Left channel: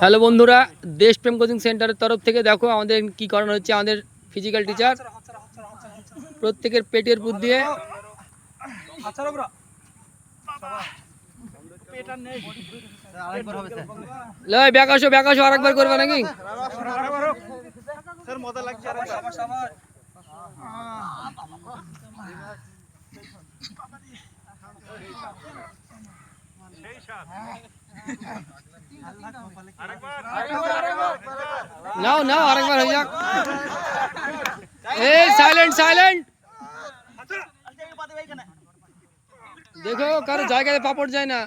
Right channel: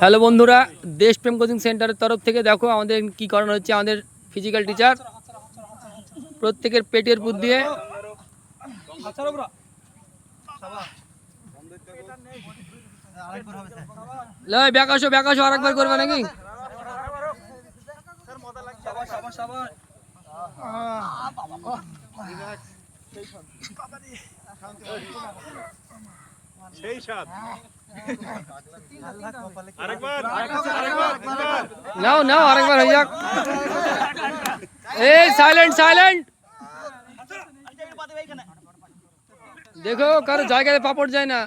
hello বন্ধুরা দেশপ্রেম coaching সেন্টারের তরফ থেকে দেখো আমাদের কি করানো হচ্ছে আমাদের ফিজিক্যাল টিচার প্রত্যেকের পেটের পুর দিয়ে লয় ব্যাকাশো ব্যাকাশো আরেকবার করবে নাকি সেই সাথ नाउ नाउ अरे भैया ए साइलेंट साइलेंट देखो कर जाएगा दे तो पापड़ जाए ना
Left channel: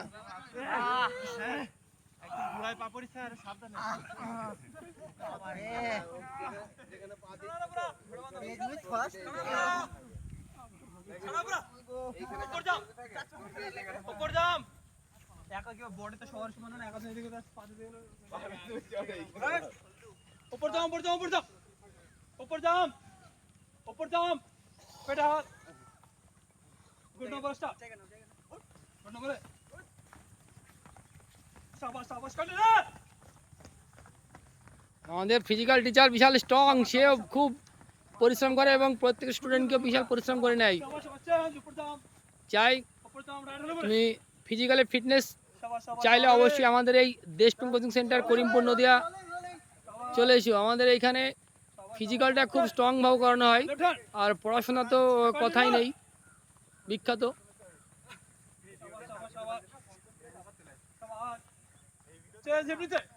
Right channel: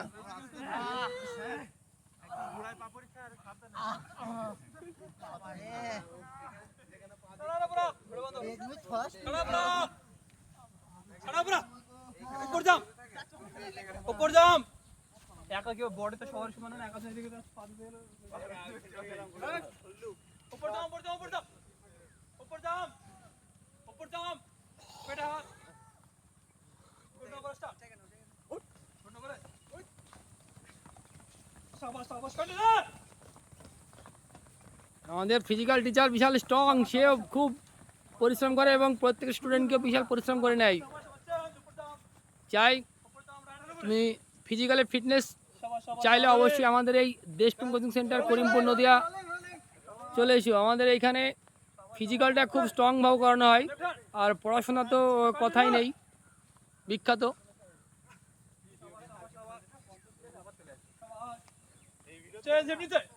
खड़ा खड़ा जाम जाम কে বোর্ডের তো সরি মানা 11000 50 উপরে যাও উপরে যাও উপরে যাও উপরে যাও বেটা হল good number star good number সাবাস সাবাস করে নাও না দে ফিজিক্যাল টিচার বিশাল স্ট্রং সে খুব পরিশ্রম করে এবং প্রত্যেক স্টুডেন্ট কি বিশাল পরিশ্রম করে নাই চাই তুমি ফিজিক্যালে ফিটনেস চাইলে অবশ্যই আমাদের এই দেশপ্রেম কোচিং সেন্টার করিমপুর নদিয়া চলে এসো আমাদের এইখানে ফিজিক্যালটা খুব স্ট্রংভাবে করানো হয় আর পড়াশোনা তো কথাই নেই বিখ্যাত